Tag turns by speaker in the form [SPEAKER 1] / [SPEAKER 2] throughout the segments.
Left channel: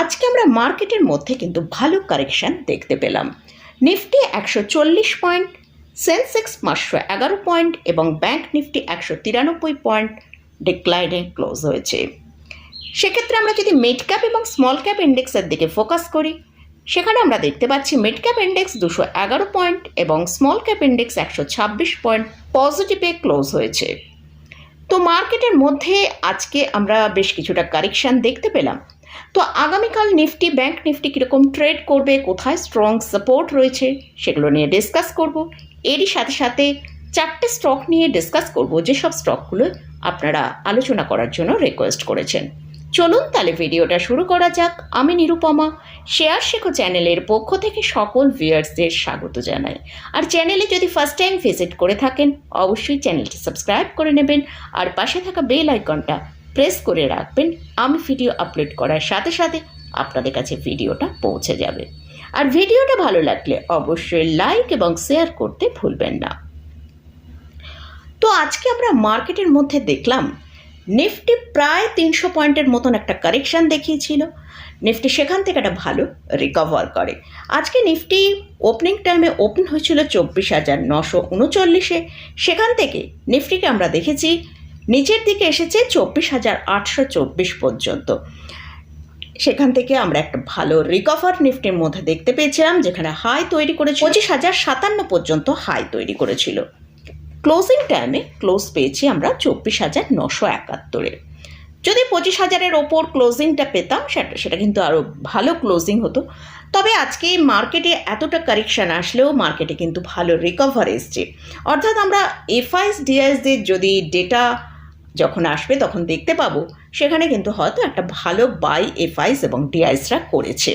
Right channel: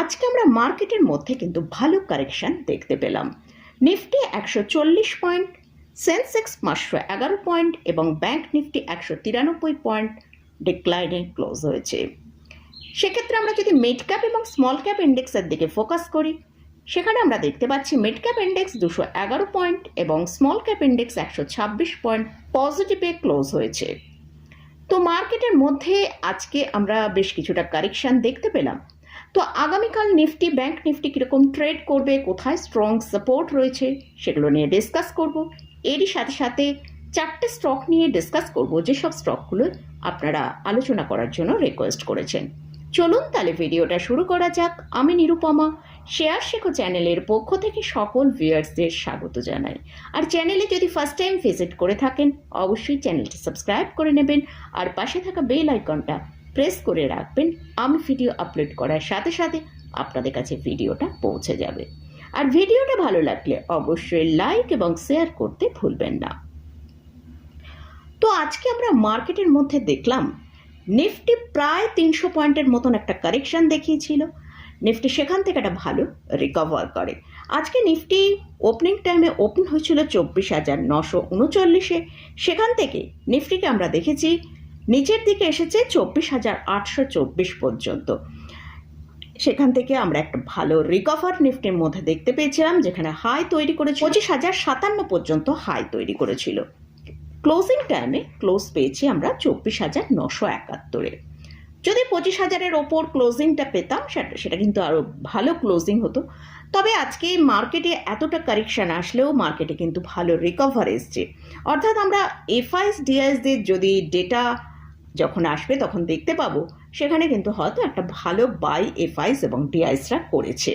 [SPEAKER 1] আজকে আমরা মার্কেটের মধ্যে কিন্তু ভালো কারেকশন দেখতে পেলাম। নিফটি একশো চল্লিশ পয়েন্ট, সেন্সেক্স পাঁচশো এগারো পয়েন্ট এবং ব্যাংক নিফটি একশো তিরানব্বই পয়েন্ট ডিক্লাইনে ক্লোজ হয়েছে। সেক্ষেত্রে আমরা যদি মিড ক্যাপ এবং স্মল ক্যাপ ইন্ডেক্সের দিকে ফোকাস করি, সেখানে আমরা দেখতে পাচ্ছি মিড ক্যাপ ইন্ডেক্স দুশো এগারো পয়েন্ট এবং স্মল ক্যাপ ইন্ডেক্স একশো ছাব্বিশ পয়েন্ট পজিটিভে ক্লোজ হয়েছে। তো মার্কেটের মধ্যে আজকে আমরা বেশ কিছুটা কারেকশন দেখতে পেলাম। তো আগামীকাল নিফটি ব্যাংক নিফটি কীরকম ট্রেড করবে, কোথায় স্ট্রং সাপোর্ট রয়েছে সেগুলো নিয়ে ডিসকাস করব। এরই সাথে সাথে চারটে স্টক নিয়ে ডিসকাস করব, যেসব স্টকগুলো আপনারা আলোচনা করার জন্য রিকোয়েস্ট করেছেন। চলুন তাহলে ভিডিওটা শুরু করা যাক। আমি নিরুপমা, শেয়ার শেখো চ্যানেলের পক্ষ থেকে সকল ভিউয়ার্সদের স্বাগত জানাই। আর চ্যানেলে যদি ফার্স্ট টাইম ভিজিট করে থাকেন, অবশ্যই চ্যানেলটি সাবস্ক্রাইব করে নেবেন। আর পাশে থাকা বেল আইকনটা প্রেস করে রাখবেন, আমি ভিডিও আপলোড করার সাথে সাথে আপনাদের কাছে ভিডিওটা পৌঁছে যাবে। আর ভিডিওটা ভালো লাগলে অবশ্যই লাইক এবং শেয়ার করতে ভুলবেন না। তো আজকে আমরা মার্কেটের মধ্যে দেখলাম, নিফটি প্রায় তিনশো পয়েন্টের মতন একটা কারেকশন দেখিয়েছিল। নিফটি সেখান থেকে একটা ভালো রিকভার করে। আজকে নিফটি ওপেনিং টাইমে ওপেন হয়েছিল চব্বিশ হাজার নশো উনচল্লিশে। সেখান থেকে নিফটিকে আমরা দেখেছি নিচের দিকে এসেছে চব্বিশ হাজার আটশো চব্বিশ পর্যন্ত। সেখান থেকে আমরা একটা ভালো রিকভার নিফটির মধ্যে দেখতে পেয়েছিলাম, যেখানে হাই তৈরি করেছিল। পঁচিশ হাজার সাতান্ন পর্যন্ত হাই তৈরি করেছিল। ক্লোজিং টাইমে ক্লোজ পেয়েছি আমরা চব্বিশ হাজার নশো একাত্তরে। যদি পঁচিশ হাজারের ওপর ক্লোজিংটা পেতাম, সেটা সেটা কিন্তু আরও ভালো ক্লোজিং হতো। তবে আজকে মার্কেটে এতটা কারেকশান আসলেও মার্কেটে কিন্তু ভালো রিকভার এসছে। অর্থাৎ আমরা এফআইএস ডিআইএসদের যদি ডেটা যখন আসবে তখন দেখতে পাবো। সেখানে কিন্তু হয়তো একটা ভালো বাই এফআইস এবং ডিআইসরা করেছে।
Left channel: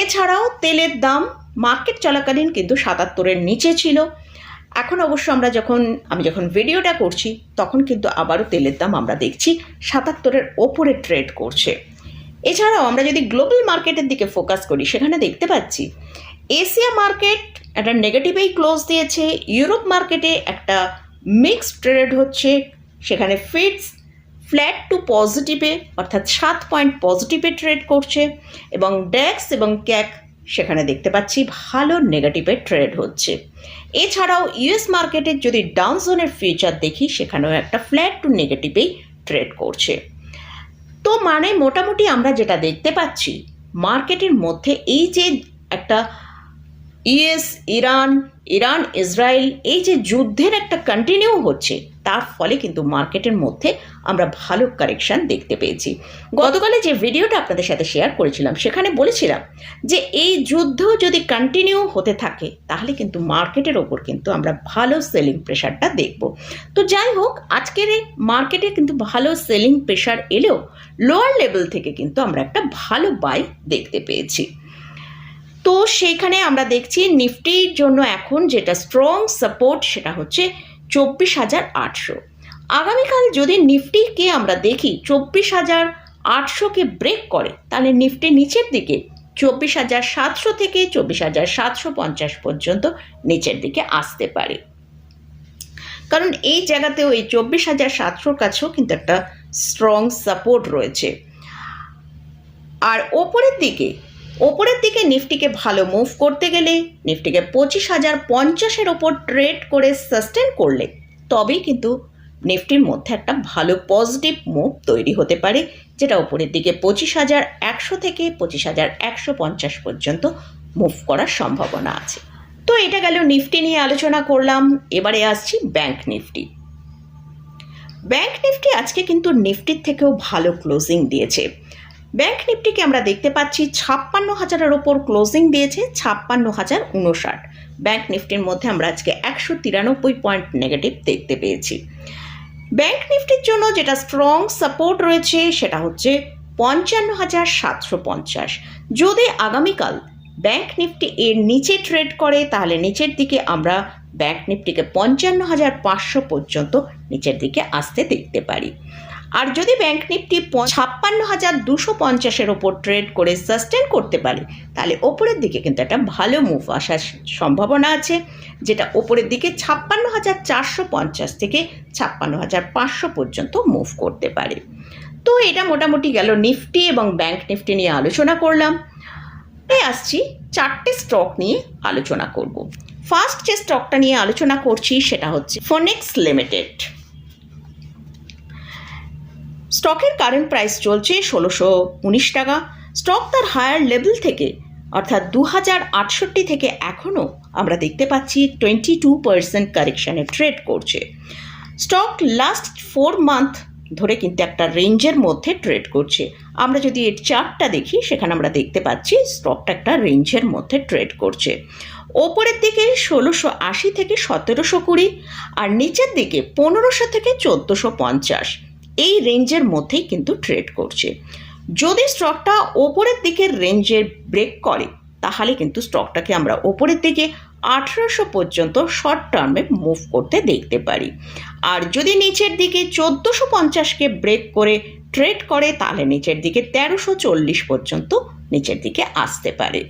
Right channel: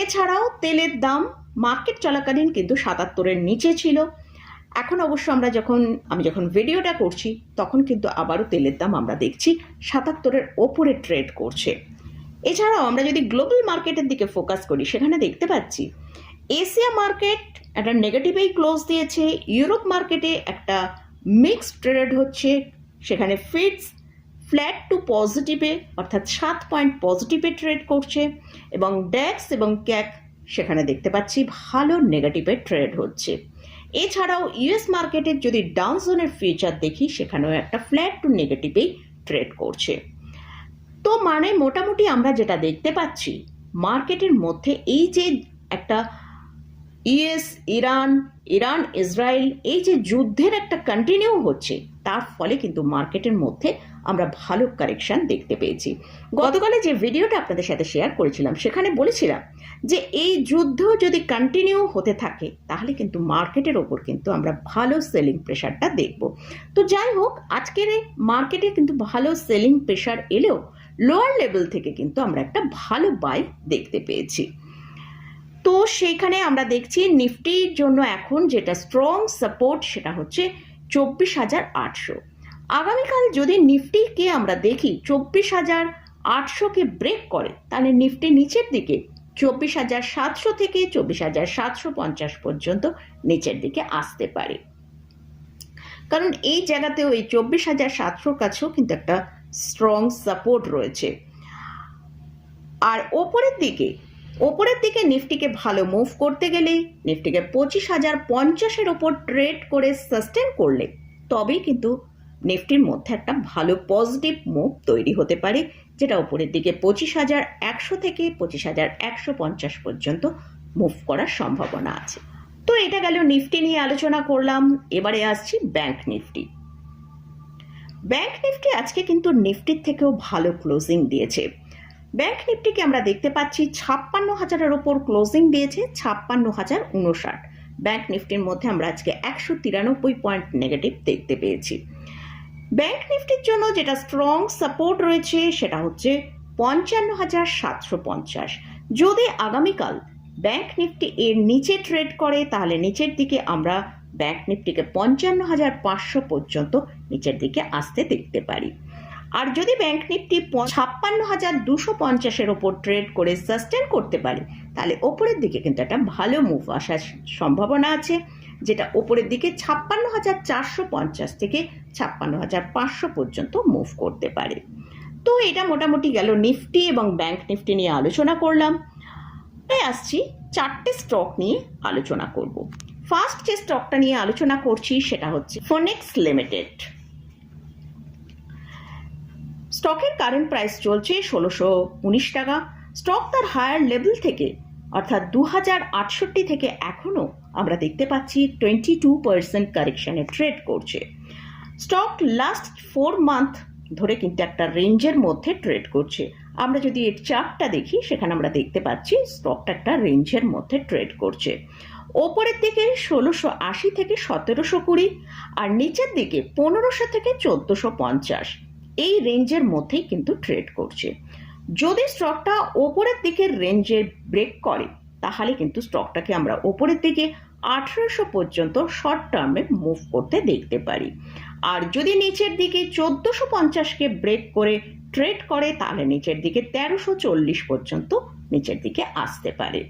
[SPEAKER 1] এছাড়াও তেলের দাম মার্কেট চলাকালীন কিন্তু সাতাত্তরের নিচে ছিল। এখন অবশ্য আমরা যখন, আমি যখন ভিডিওটা করছি, তখন কিন্তু আবারও তেলের দাম আমরা দেখছি সাতাত্তরের ওপরে ট্রেড করছে। এছাড়াও আমরা যদি গ্লোবাল মার্কেটের দিকে ফোকাস করি, সেখানে দেখতে পাচ্ছি এশিয়া মার্কেট একটা নেগেটিভেই ক্লোজ দিয়েছে ইউরোপ মার্কেটে একটা মিক্সড ট্রেড হচ্ছে সেখানে ফিটস ফ্ল্যাট টু পজিটিভে অর্থাৎ সাত পয়েন্ট পজিটিভে ট্রেড করছে এবং ড্যাক্স এবং ক্যাক সেখানে দেখতে পাচ্ছি ভালো নেগেটিভে ট্রেড হচ্ছে। এছাড়াও ইউএস মার্কেটের যদি ডাউন জোনের ফিউচার দেখি, সেখানেও একটা ফ্ল্যাট টু নেগেটিভেই ট্রেড করছে। তো মানে মোটামুটি আমরা যেটা দেখতে পাচ্ছি মার্কেটের মধ্যে এই যে একটা ইউএস ইরান ইরান, ইসরায়েল, এই যে যুদ্ধের একটা কন্টিনিউ হচ্ছে, তার ফলে কিন্তু মার্কেটের মধ্যে আমরা ভালো কারেকশন দেখতে পেয়েছি। গতকালে যে ভিডিওটা আপনাদের সাথে শেয়ার করেছিলাম, সেখানে বলেছিলাম যে এই যুদ্ধ যদি কন্টিনিউ হতে থাকে, তাহলে কিন্তু মার্কেটের ওপর কিন্তু আমরা ভালো সেলিং প্রেশারটা দেখব। তো যাই হোক, আজকের মার্কেটে কিন্তু ভালো সেলিং প্রেশার এলেও লোয়ার লেভেল থেকে কিন্তু আমরা একটা ভালো বাই দেখতে পেয়েছি। তো সেইখানে আমরা দেখছি নিফটির জন্য এখন যেটা স্ট্রং সাপোর্ট সেটা হচ্ছে চব্বিশ হাজার আটশো। আগামীকাল যদি নিফটিকে আমরা দেখি চব্বিশ হাজার আটশোকে ব্রেক করে, তাহলে নিফটি নিচের দিকে চব্বিশ হাজার সাতশো থেকে চব্বিশ হাজার সাতশো পঞ্চাশ পর্যন্ত নিচের দিকে আসতে পারে। কারণ এই জায়গাতেও এই চব্বিশ হাজার সাতশোর কাছেও কিন্তু একটা স্ট্রং সাপোর্ট রয়েছে। আর ওপরের দিকে ওপরের দিকে নিফটিকে ভালো মুভ করতে গেলে নিফটিকে পঁচিশ হাজার পঞ্চাশের ওপর ট্রেড করে সাস্টেন করলে তবেই কিন্তু নিফটির মধ্যে একটা ভালো পজিটিভ মুভ তৈরি হতে পারে, যেটা ওপরের দিকে পঁচিশ হাজার একশো থেকে পঁচিশ হাজার একশো পঞ্চাশ পর্যন্ত মুভ করার সম্ভাবনা আছে। তো এটা গেল নিফটি নিয়ে আলোচনা করলাম, এবারে আসছি ব্যাংক নিফটি। ব্যাংক নিফটি আজকে কিন্তু নিফটির থেকেও ভালো ক্লোজিং দিয়েছে। ব্যাংক নিফটিকে আমরা দেখতে পাচ্ছি ছাপ্পান্ন হাজারের ওপর ক্লোজিং দিয়েছে ছাপ্পান্ন হাজার উনষাট। ব্যাংক নিফটির মধ্যে আমরা আজকে একশো তিরানব্বই পয়েন্ট নেগেটিভ দেখতে পেয়েছি। ব্যাংক নিফটির জন্য যেটা স্ট্রং সাপোর্ট রয়েছে সেটা হচ্ছে পঞ্চান্ন হাজার সাতশো পঞ্চাশ। যদি আগামীকাল ব্যাংক নিফটি এর নিচে ট্রেড করে, তাহলে নিচের দিকে আমরা ব্যাংক নিফটিকে পঞ্চান্ন হাজার পাঁচশো পর্যন্ত নিচের দিকে আসতে দেখতে পারি। আর যদি ব্যাংক নিফটি ছাপ্পান্ন হাজার দুশো পঞ্চাশের ওপর ট্রেড করে সাস্টেন করতে পারে, তাহলে ওপরের দিকে কিন্তু একটা ভালো মুভ আসার সম্ভাবনা আছে, যেটা ওপরের দিকে ছাপ্পান্ন হাজার চারশো পঞ্চাশ থেকে ছাপ্পান্ন হাজার পাঁচশো পর্যন্ত মুভ করতে পারে। তো এটা মোটামুটি গেল নিফটি এবং ব্যাংক নিফটি নিয়ে আলোচনা করলাম। তাই আসছি চারটে স্টক নিয়ে আলোচনা করব। ফার্স্ট যে স্টকটা নিয়ে আলোচনা করছি সেটা হচ্ছে ফোনেক্স লিমিটেড স্টকের কারেন্ট প্রাইস চলছে ষোলোশো উনিশ টাকা। স্টক তার হায়ার লেভেল থেকে, অর্থাৎ দু হাজার আটষট্টি থেকে এখনও আমরা দেখতে পাচ্ছি টোয়েন্টি টু পার্সেন্ট কারেকশানে ট্রেড করছে। স্টক লাস্ট ফোর মান্থ ধরে কিন্তু একটা রেঞ্জের মধ্যে ট্রেড করছে। আমরা যদি এর চার্টটা দেখি, সেখানে আমরা দেখতে পাচ্ছি স্টকটা একটা রেঞ্জের মধ্যে ট্রেড করছে। ওপরের দিকে ষোলোশো আশি থেকে সতেরোশো কুড়ি, আর নিচের দিকে পনেরোশো থেকে চোদ্দোশো পঞ্চাশ। এই রেঞ্জের মধ্যেই কিন্তু ট্রেড করছে। যদি স্টকটা ওপরের দিকের রেঞ্জে ব্রেক করে, তাহলে কিন্তু স্টকটাকে আমরা ওপরের দিকে আঠেরোশো পর্যন্ত শর্ট টার্মে মুভ করতে দেখতে পারি। আর যদি নিচের দিকে চোদ্দোশো পঞ্চাশকে ব্রেক করে ট্রেড করে, তাহলে নিচের দিকে তেরোশো চল্লিশ পর্যন্ত নিচের দিকে আসতে পারে।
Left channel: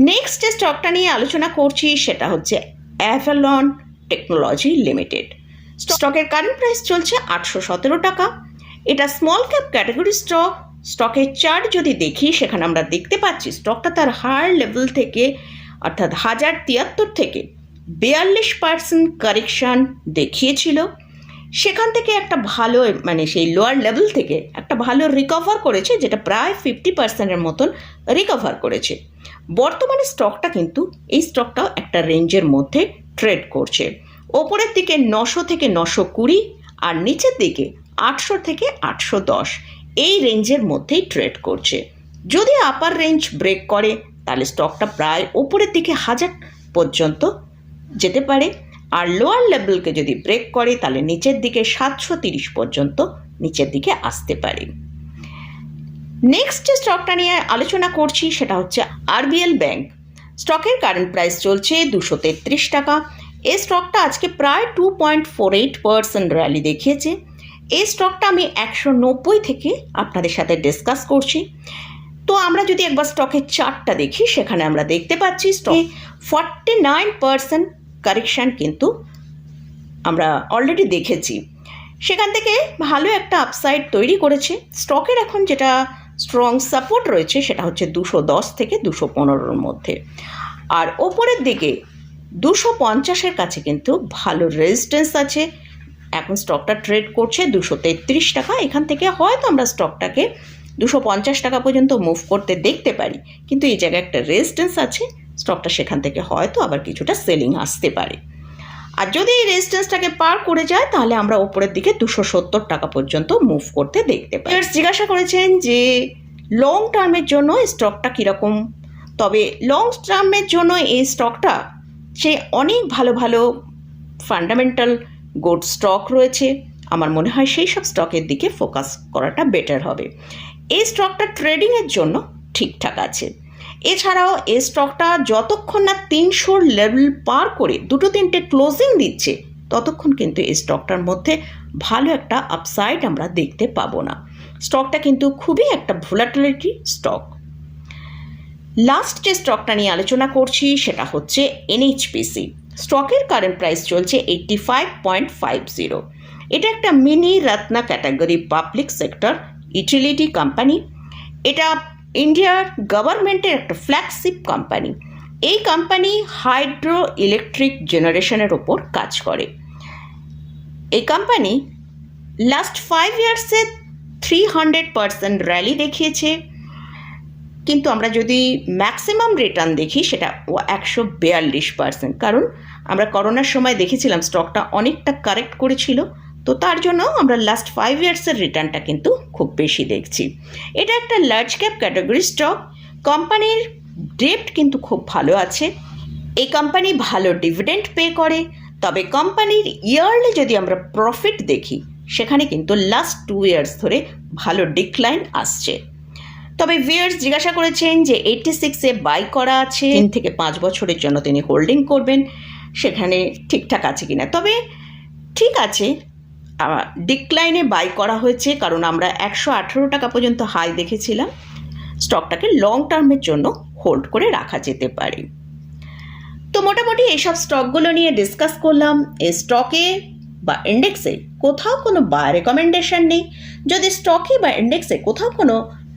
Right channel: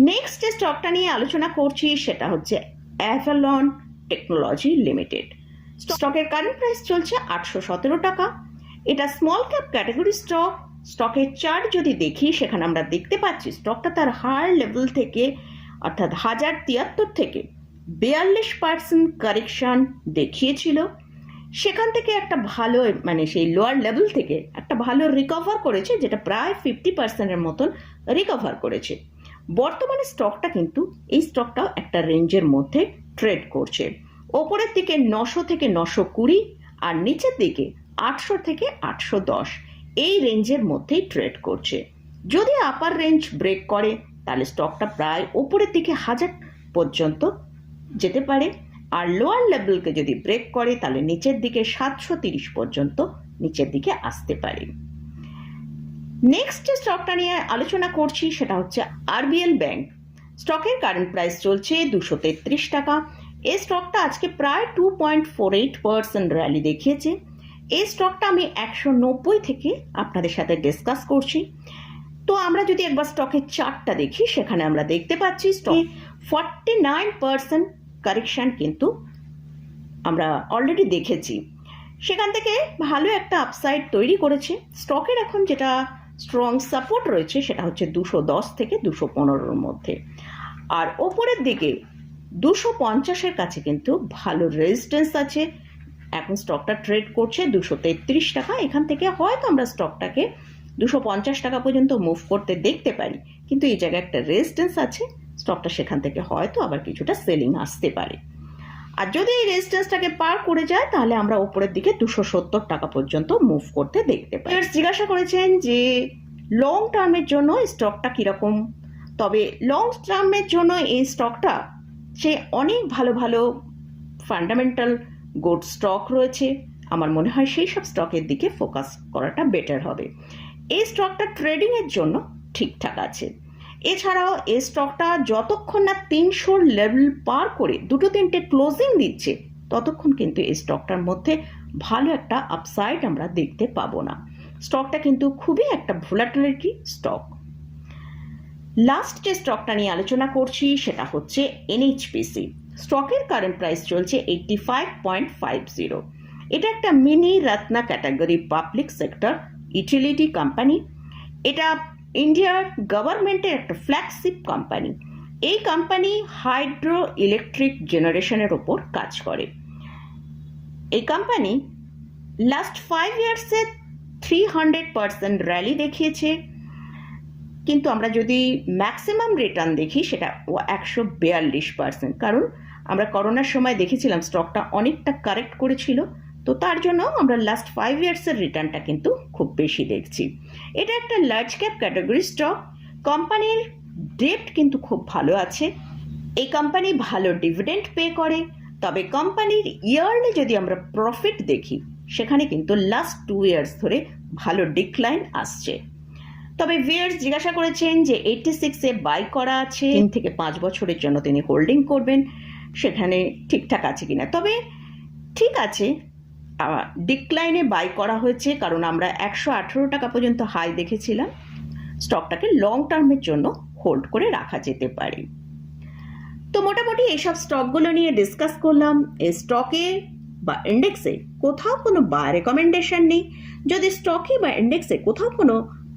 [SPEAKER 1] নেক্সট যে স্টকটা নিয়ে আলোচনা করছি, সেটা হচ্ছে অ্যাভেলন টেকনোলজি লিমিটেড স্টকের কারেন্ট প্রাইস চলছে আটশো সতেরো টাকা। এটা স্মল ক্যাপ ক্যাটাগরি স্টক স্টকের চার্ট যদি দেখি, সেখানে আমরা দেখতে পাচ্ছি স্টকটা তার হায়ার লেভেল থেকে, অর্থাৎ হাজার তিয়াত্তর থেকে বিয়াল্লিশ পার্সেন্ট কারেকশান দেখিয়েছিল। সেখান থেকে একটা ভালো মানে সেই লোয়ার লেভেল থেকে একটা ভালো রিকভার করেছে, যেটা প্রায় ফিফটি পার্সেন্টের মতন রিকভার করেছে। বর্তমানে স্টকটা কিন্তু এই স্টকটাও একটা রেঞ্জের মধ্যে ট্রেড করছে। ওপরের দিকে নশো থেকে নশো কুড়ি আর নিচের দিকে আটশো থেকে আটশো দশ। এই রেঞ্জের মধ্যেই ট্রেড করছে। যদি আপার রেঞ্জ ব্রেক করে, তাহলে স্টকটা প্রায় ওপরের দিকে হাজার পর্যন্ত যেতে পারে। আর লোয়ার লেভেলকে যদি ব্রেক করে, তাহলে নিচের দিকে সাতশো তিরিশ পর্যন্ত নিচের দিকে আসতে পারে। নেক্সট যে স্টকটা নিয়ে আলোচনা করছি, সেটা হচ্ছে আরবিএল ব্যাংক স্টকের কারেন্ট প্রাইস চলছে দুশো তেত্রিশ টাকা। এই স্টকটা আজকে প্রায় two point four eight percent rally দেখিয়েছে। এই স্টকটা আমি একশো নব্বই থেকে আপনাদের সাথে ডিসকাস করছি। তো আমরা যদি একবার স্টকের চার্টটা দেখি, সেখানে আমরা দেখতে পাচ্ছি স্টকে ফর্টি নাইন পার্সেন্ট কারেকশান কিন্তু আমরা অলরেডি দেখেছি। সেখান থেকে ভালো একটা আপসাইড তৈরি করেছে। স্টকের এখন যেটা স্ট্রং সাপোর্ট রয়েছে, সেটা হচ্ছে দুশো দশ থেকে দুশো পনেরোর মধ্যে। আর ওপরের দিকে দুশো পঞ্চাশের কাছে কিন্তু ভালো রেজিস্ট্যান্স আছে। এখন স্টকটা ট্রেড করছে দুশো তেত্রিশ টাকা। এখান থেকে হয়তো আমরা স্টকটাকে দুশো পঞ্চাশ টাকা পর্যন্ত মুভ করতে দেখতে পারি। কিন্তু এই জায়গায় একটা রেজিস্ট্যান্স আছে। স্টকটা সেখান থেকে হয়তো আবার কিছুটা সেলিং আসতে পারে। আর যদি এই রেজিস্ট্যান্সটাকে পার করে যায়, তাহলে আমরা ওপরের দিকে দুশো সত্তর টাকা পর্যন্ত মুভ করতে দেখতে পাই। এবার জিজ্ঞাসা করেছেন যে লং টার্মের জন্য স্টকটা কীরকম? তবে লং টার্মের জন্য এই স্টকটা সে অনেক ভালো ভালো ফান্ডামেন্টাল গুড স্টক রয়েছে। আমার মনে হয় সেই সব স্টকের দিকে ফোকাস করাটা বেটার হবে। এই স্টকটা ট্রেডিংয়ের জন্য ঠিকঠাক আছে। এছাড়াও এই স্টকটা যতক্ষণ না তিনশোর লেভেল পার করে দুটো তিনটে ক্লোজিং দিচ্ছে, ততক্ষণ কিন্তু এই স্টকটার মধ্যে ভালো একটা আপসাইড আমরা দেখতে পাবো না। স্টকটা কিন্তু খুবই একটা ভোলাটিলিটি স্টক লাস্ট যে স্টকটা নিয়ে আলোচনা করছি সেটা হচ্ছে এনএইচপিসি স্টকের কারেন্ট প্রাইস চলছে eighty five point five zero এটা একটা mini Ratna category public sector utility company এটা ইন্ডিয়ার গভর্নমেন্টের একটা ফ্ল্যাগশিপ কোম্পানি এই কোম্পানি হাইড্রো ইলেকট্রিক জেনারেশনের ওপর কাজ করে। এই কোম্পানি লাস্ট ফাইভ ইয়ার্সে থ্রি হান্ড্রেড পার্সেন্ট র্যালি দেখিয়েছে। কিন্তু আমরা যদি ম্যাক্সিমাম রিটার্ন দেখি, সেটা একশো বিয়াল্লিশ পার্সেন্ট কারণ আমরা করোনার সময় দেখেছিলাম স্টকটা অনেকটা কারেক্ট করেছিল, তো তার জন্য আমরা লাস্ট ফাইভ ইয়ার্সের রিটার্নটা কিন্তু খুব বেশি দেখছি। এটা একটা লার্জ ক্যাপ ক্যাটাগরি স্টক কোম্পানির ডেপ্ট কিন্তু খুব ভালো আছে। এই কোম্পানি ভালো ডিভিডেন্ড পে করে, তবে কোম্পানির ইয়ারলি যদি আমরা প্রফিট দেখি, সেখানে কিন্তু লাস্ট টু ইয়ার্স ধরে ভালো ডিক্লাইন আসছে। তবে ভিয়ার্স জিজ্ঞাসা করেছেন যে এইটটি সিক্সে বাই করা আছে। তিন থেকে পাঁচ বছরের জন্য তিনি হোল্ডিং করবেন। সেখানে ঠিকঠাক আছে কিনা। তবে ঠিক আছে ডিক্লাইনে বাই করা হয়েছে কারণ আমরা একশো আঠেরো টাকা পর্যন্ত হাই দেখেছিলাম। স্টকটাকে লং টার্মের জন্য হোল্ড করে রাখা যেতে পারে। তো মোটামুটি এইসব স্টকগুলো নিয়ে ডিসকাস করলাম। এই স্টকে বা ইন্ডেক্সে কোথাও কোনো বাই রেকমেন্ডেশন নেই। যদি স্টকে বা ইন্ডেক্সে কোথাও কোনো